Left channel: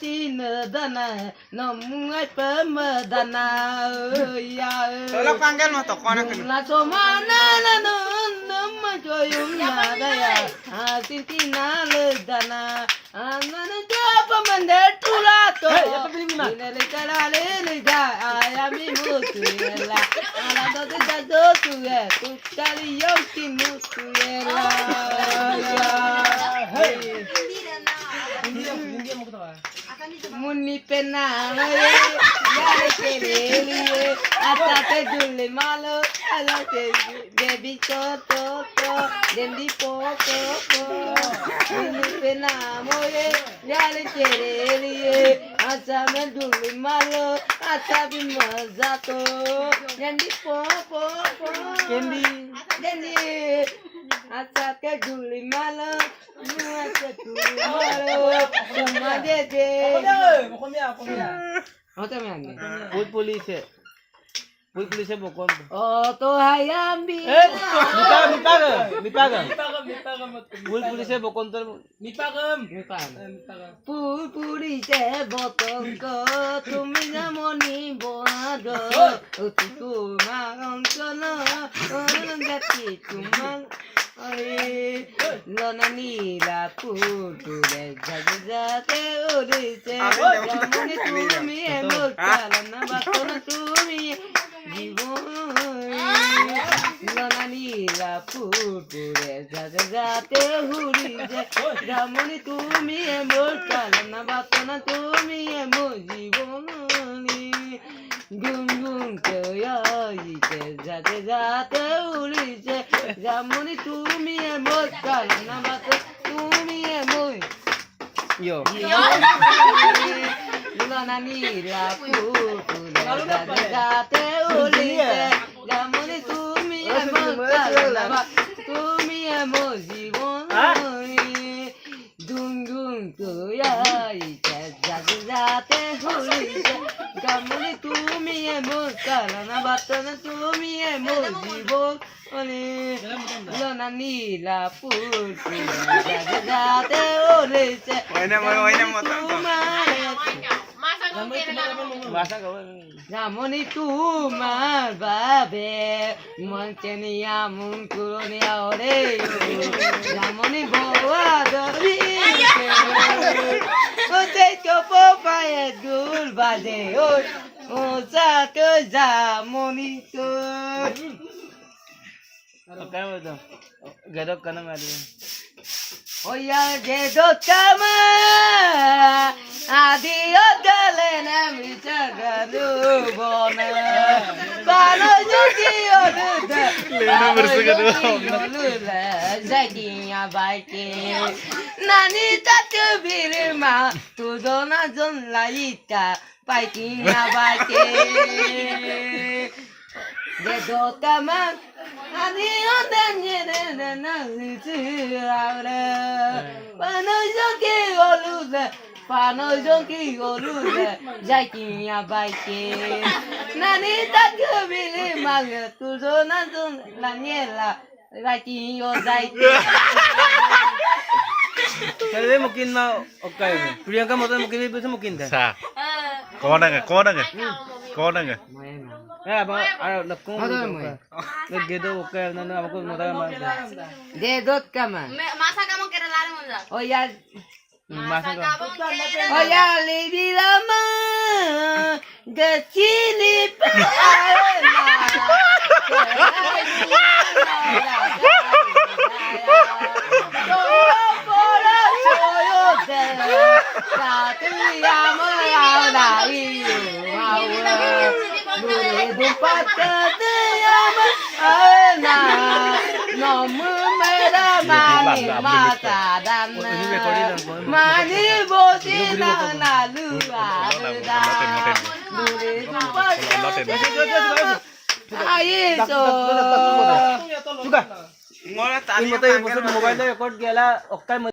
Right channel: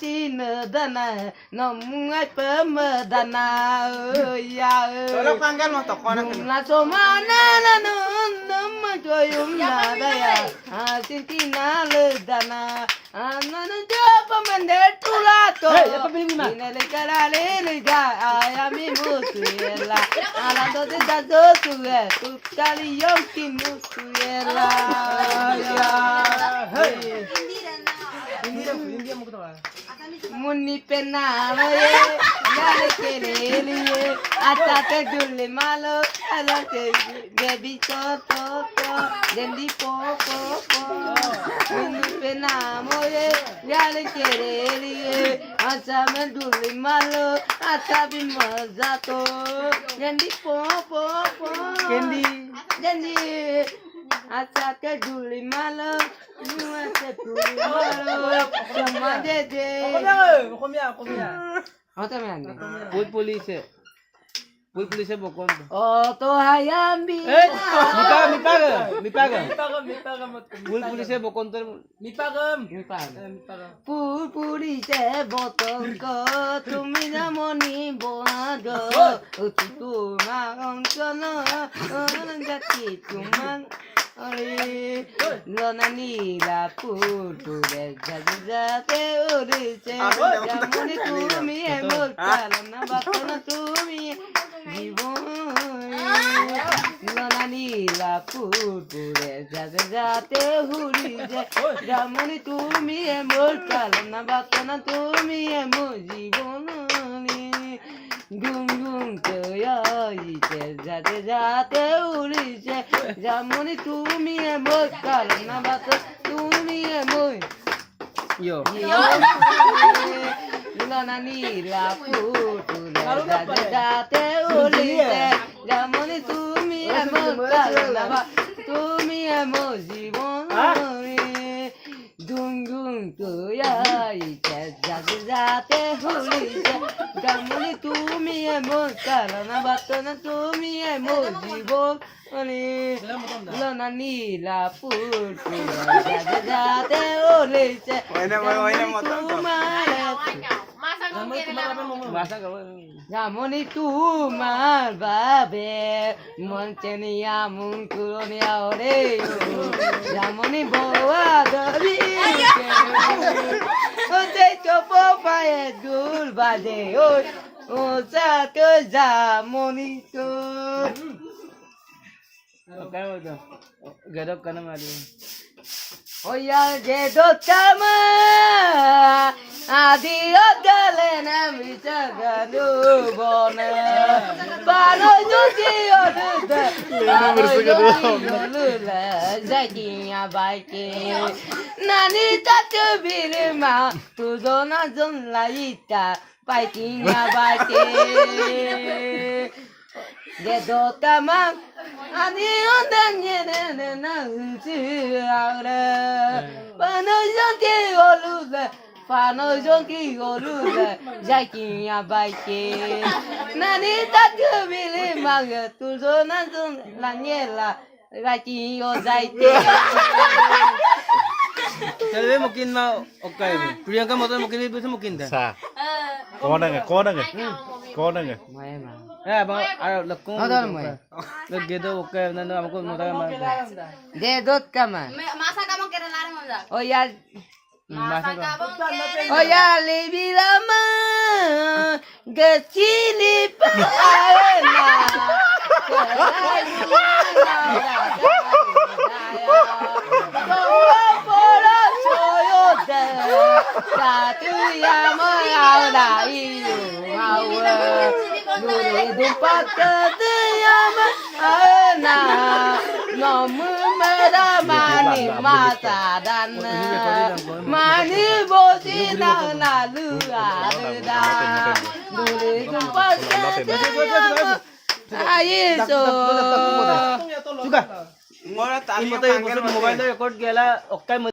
cinedana namungai pemadana ya Tolong panggil mah toko anak kena. na somana na nama joyum nada ya asintina ledana anana japa mandetula to inele karale lija ayami mutuela ala to de do tuwe tu kali yoki mutuela Muni pena ye yale kereliye atate julle malo ala te debi to dendi po muni pena ye yale kereliye asame julle malo atabi maza to dendi po dendi atate julle malo nuate tu malo samade de Ote me ande. Uy police bokon. Oh to hayambi. Mi paga. Uy police bokon ter Mi pan. Puri se botong ko tumi jamoni boado. Utu ma onkono gati tumang. Ay lona nila putu de jagate udise jamoni tumi emokala na bakona tumi জীবন লনা নীলা পুতুরে যাতে যাতে হুরি যেমনি তুমি মোর কালনা বাতনা তুমি মোর জীবন গুম গুম কইছে যাতে যাতে উড়িছে যেমনি তুমি মোর কালনা বাত তুমি মোর yo. লনা নীলা পুতুরে যাতে যাতে উড়িছে যেমনি তুমি মোর কালনা বাত তুমি মোর জীবন গুম গুম কইছে যাতে যাতে উড়িছে যেমনি তুমি মোর কালনা বাতনা তুমি মোর জীবন লনা নীলা পুতুরে যাতে যাতে উড়িছে Masa kau. যেমনি তোমার বাবে মন চেনিয়া মন কুরনিয়া ওরে যেমনি বোয়া ধরি ও সেই কপো পায়ে দুল বাজে ও সাত যেমনি তো Apa itu? Gadok kana mari. ওয়া যে দোতামা আদি ওদলে না মিছাগাদু বনে পালো জুকি ওদুদে লেনা বর্ষগাদু লুলা জাগিয়া বাইকে নানি তাতে বিরমা তুজনা জন লাইতা পাইকিনা বাইকে যে দোতামা ani ondenye na uchiara pano jonki olude jakinya baike nani takubili mag tuzo na zon la niela jakiyo zaike Jadi mungkin na okay. Priyanka motor mungkin itu mungkin dah. Sa. Kau dengar? Abang ayo lekung. Ada mai. Lek gitu okay nana aku motor mah. de dot kama Masa kamu kira lari monza? oh ya Masa kau. oh ya libirama de chili paena Mani bosi na na lua da Ayo Juga. Ngolah tali Ini motor mobile record gela okay